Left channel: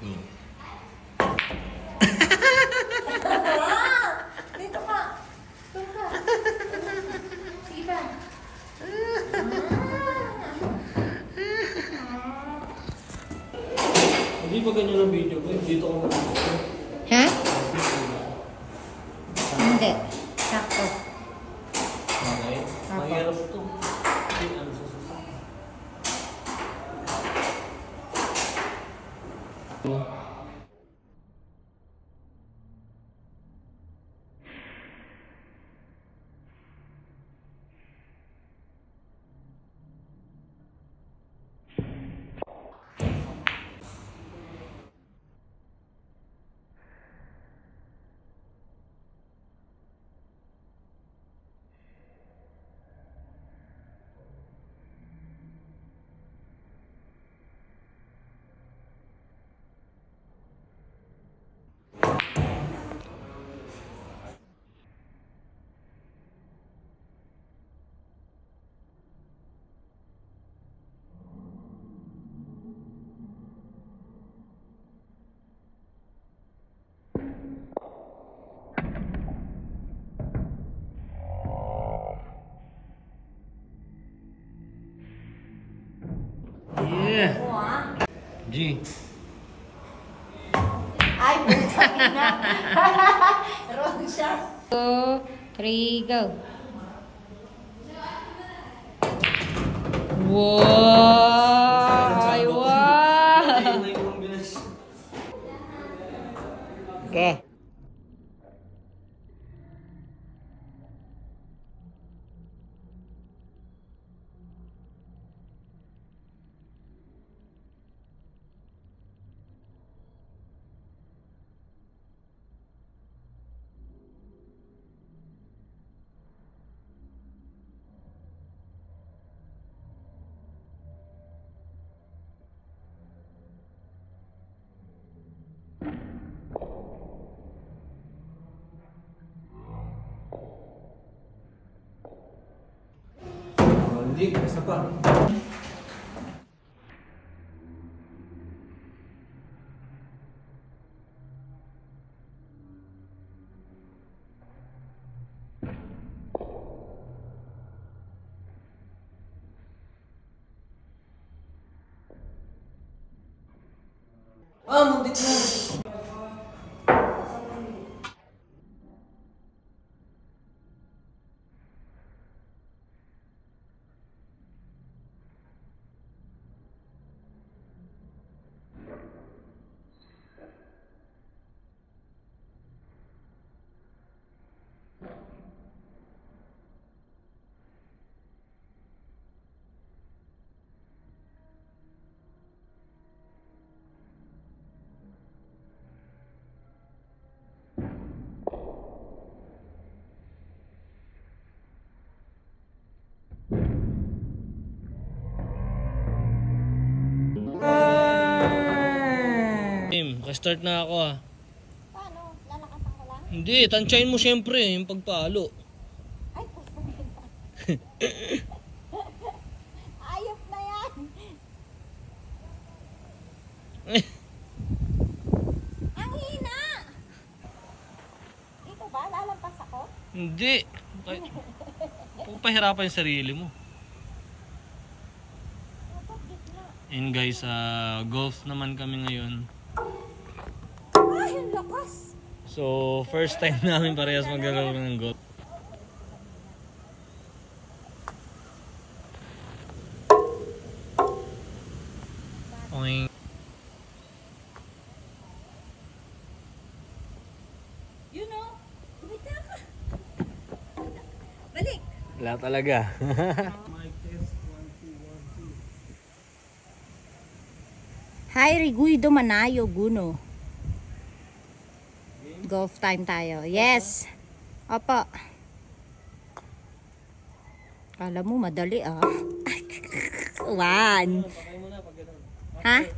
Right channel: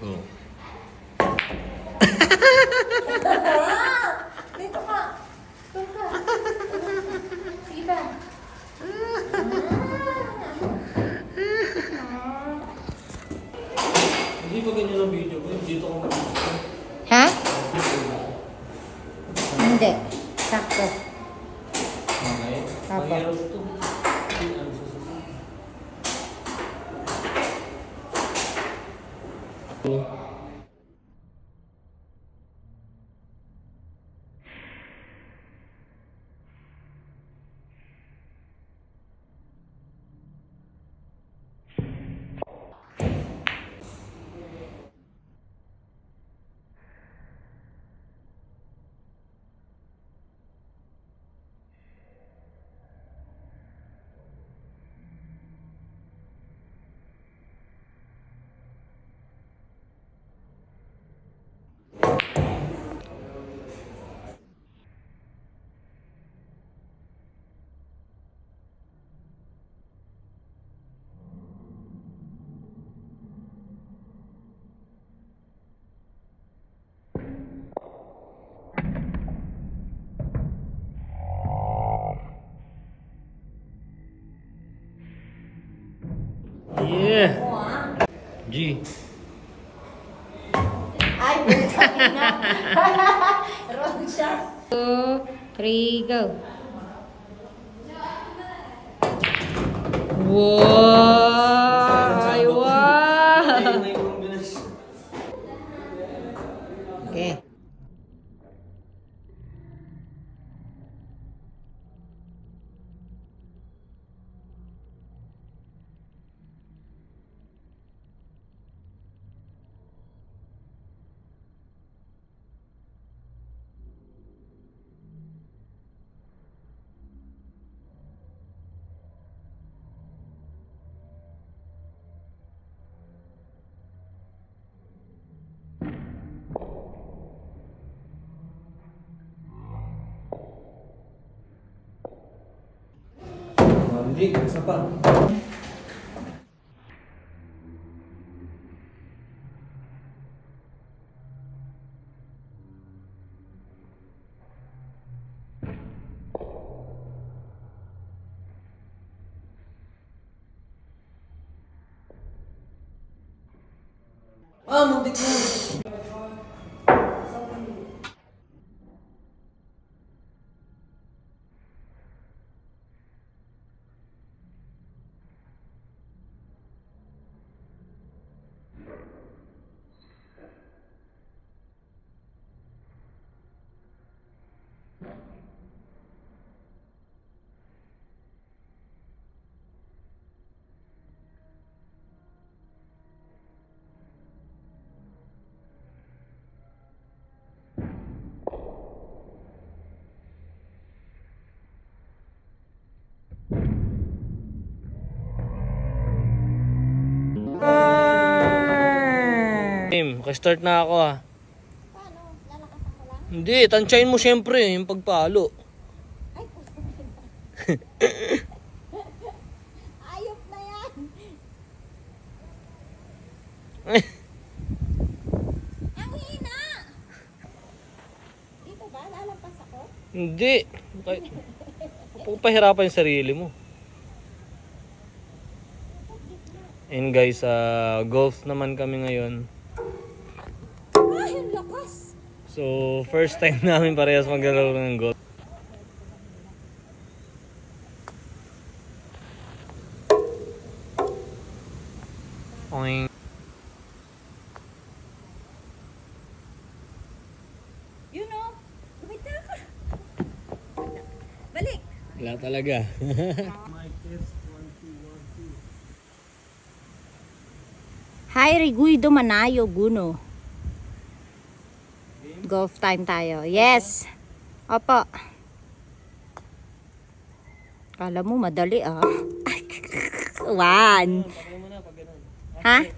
Oh. Dito ka. Dito ka. Sige pa. Hindi pa ganyan ang video ko. Dito ko mag-video. Ha? Hindi. Sakto. Okay. Apo. Mahirap ito. Ano susunod? Yeah. G. Ay, puta na. Wrong shot. 2, 3, go. Wow! Ay, wow! Okay. Hindi, isa pa. Muntik mo! Start na ako ah. Paano? Lalakasan ko lang? Hindi, tansyahin mo siyempre yung pagpalo. Ay, puso na. Ayop na yan. Ang hina. Dito ba? Lalampas ako? Hindi. Huwag pahirapan yung sarili mo. And guys, golf naman kami ngayon. Ay, ang lakas. So, first time namin parehas maglalaro ng golf. Oing. You know, kumita ka. Balik. Wala talaga. Hi, Riguido Manayo, Guno. Golf time tayo. Yes. Opo. Kala mo madali ah. One. Ha?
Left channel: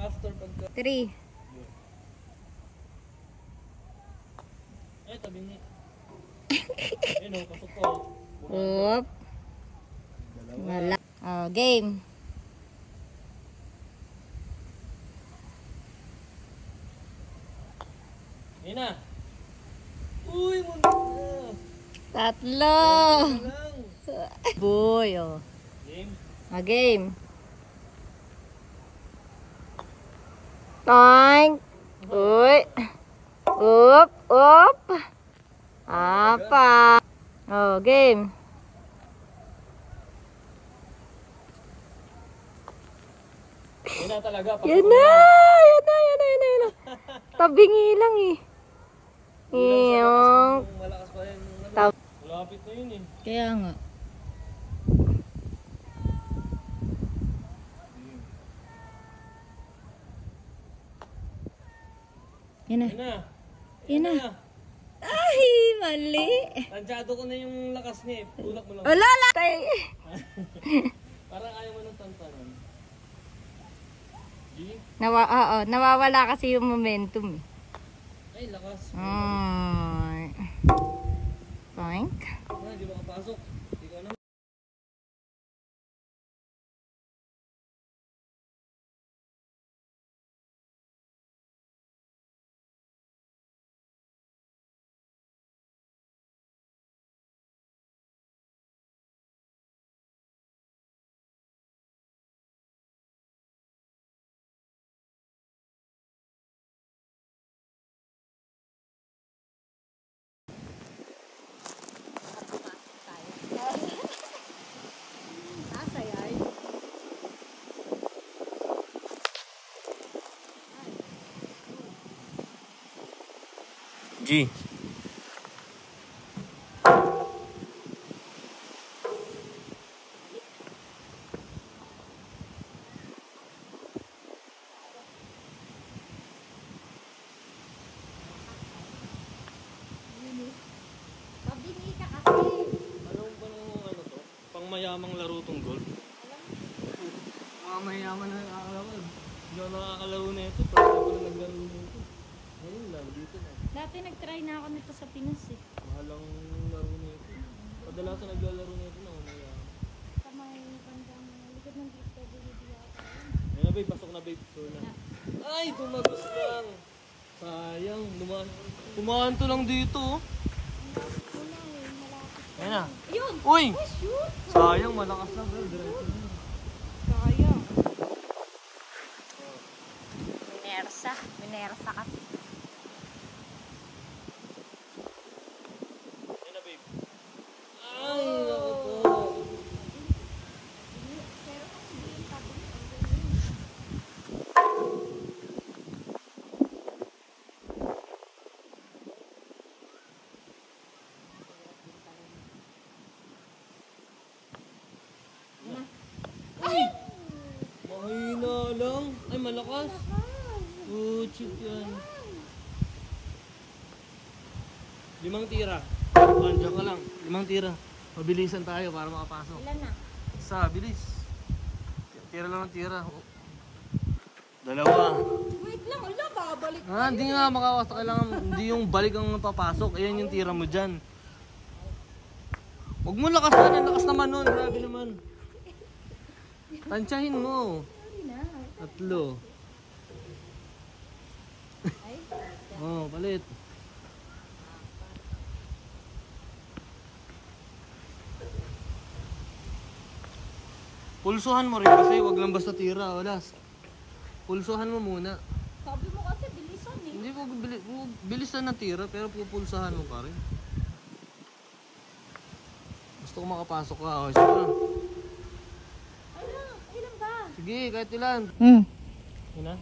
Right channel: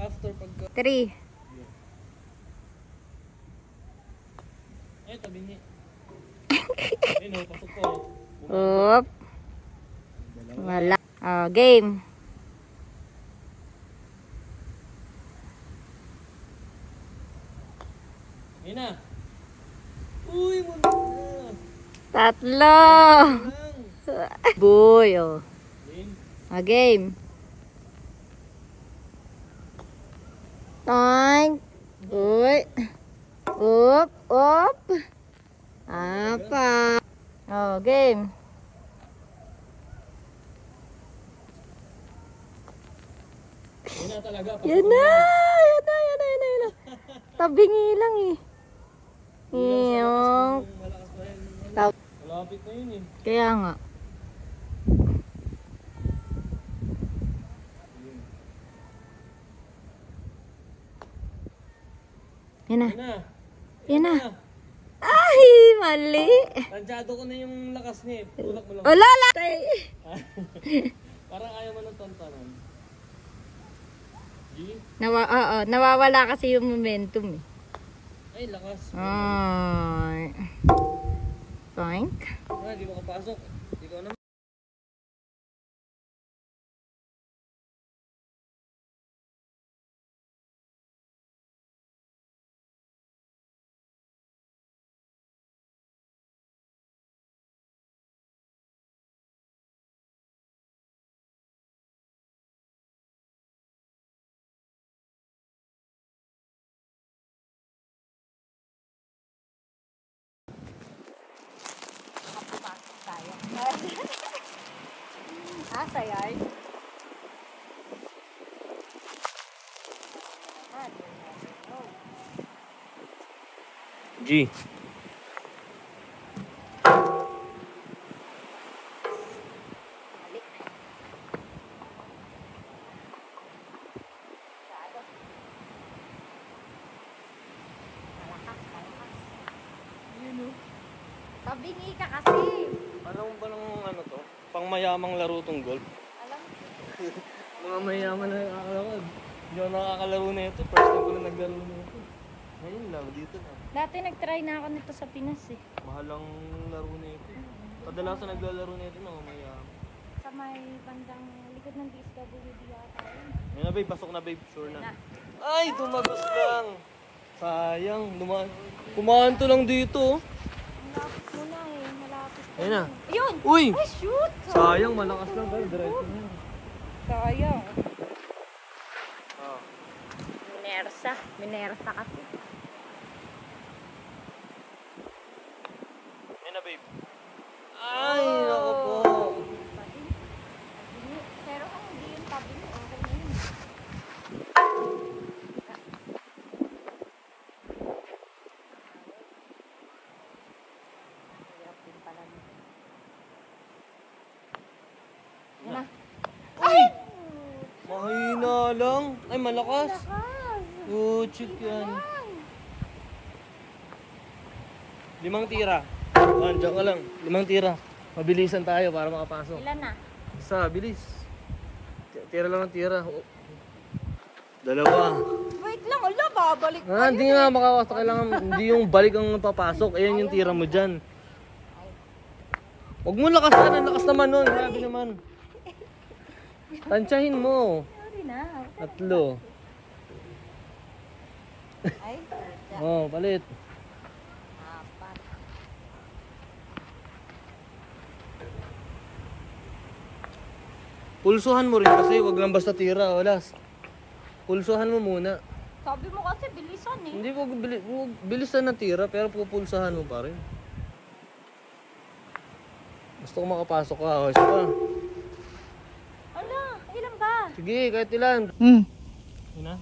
After pagka... 3. Ay, tabi niya. Ayun o, pasok ko. Oop. Wala. Game. Yun na. Uy, muna na. Tatlo. Lang. Boy, oh. Game. Game. Oink. Uy. Up, up. Apa. Oh, game. Yun na talaga. Yan na. Yan na, yan na, yan na, yan na. Tabingi lang eh. Iyong. Malakas pa yan. Malapit na yun eh. Kaya nga. Yan na. Yun na. Yan na. Ay, mali. Tansyado ko na yung lakas niya eh. Tulak mo lang. Wala lang. Tay. Parang ayaw mo ng tantanan. G? Nawawala kasi yung momentum eh. Ay, lakas. Ay. Toink. Ah, di makapasok. Ikaw naman. Asa yard? G. Tabingi ka kasi. Alam mo ba ng ano to? Pangmayamang laro tong golf? Alam. Mga mayaman na nakakalaro. Hindi ako nakakalaro na ito. First time ko na naglaro na ito. Ngayon lang, dito lang. Dati nag-try na ako nito sa Pinas eh. Mahalang laro na ito. Kadalasan naglalaro na ito na mayaman. Sa may bandang likod ng DSWD yata yun. Ayun na babe, pasok na babe. Sure Na. na. Ay, dumagos lang. Sayang, kumaan to lang dito. Malapit mo na eh. Malapit mo Ayun na. Ayun! Uy! Ay, shoot! Sayang, malakas lang babe. Diretso na. Sayang. Ah. Minersa. Minersa kasi. Ayun na babe. Ay, ako po. Pero kung hindi yung tabi mo, okay na yun. Hirap din pala nito. Yan na. Uy! Mahina lang. Ay, malakas. Lakas! Oh, chick yan. 5 tira. Diyan ka lang. 5 tira. Mabilisan tayo para makapasok. Ilan na? Sa, bilis. Tira lang ng tira. Dalawa. Wait lang, ala, babalik pa Hindi yun. nga makakasta. Kailangan, hindi yung balik ang papasok. Ayan yung tira mo dyan. Huwag mo lakasan. Ang lakas naman nun. Grabe naman. Tansyahin mo. Sorry na. 3. Ay, puta. Oh, palit. Apat. Pulsuhan mo rin kasi. Huwag lang basta tira. Walas. Pulsuhan mo muna. Sabi mo kasi bilisan eh. Hindi ko bilisan na tira pero pupulsahan mo pa rin. Gusto ko makapasok ka. O, isa pa. Ala, ilan ba? Sige, kahit ilan. Yun na.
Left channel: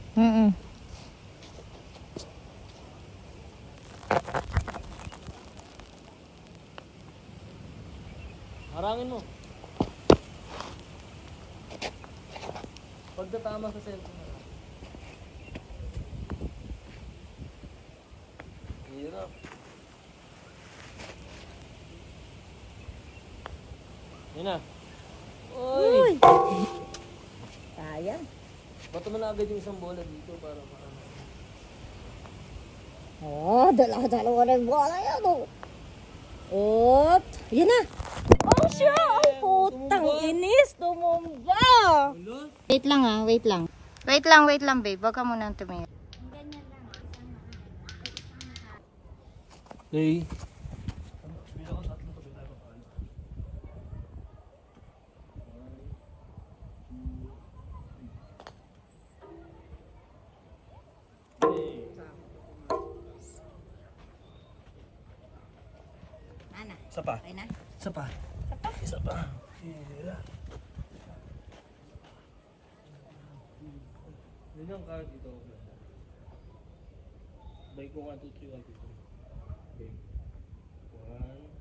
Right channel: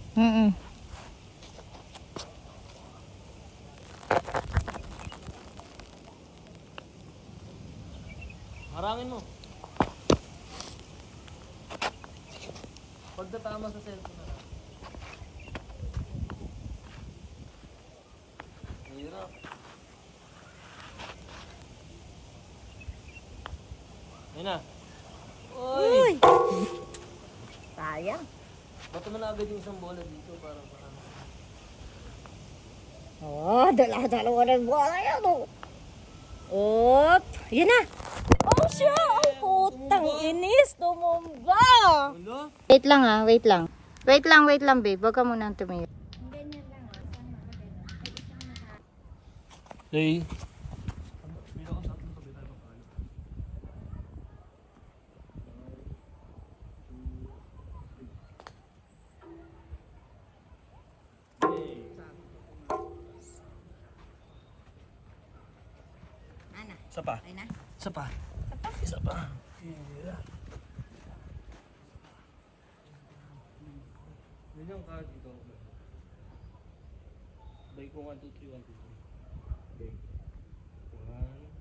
Harangin mo. Pagkatama sa cellphone na lang. Hirap. Yun na. Uy! Sayang. Bato mo na agad yung isang bola dito para maano. Oh, dalawa ng bola yan oh. Op, yun na. Oh, siya. Ang putang inis. Tumumba. Ano? Wait lang ah, wait lang. Wait lang babe. Huwag ka muna tumingin. Ganyan lang oh. Isang Okay. Bilang ang tatlo sabi tayo papalo. 1, 2, 3. Ana. Isa pa. Okay na? Isa pa. Isa pa. Hira. Yun yung card ito. Bay ko 1, 2, 3, 1, 2, 3. Okay. 1,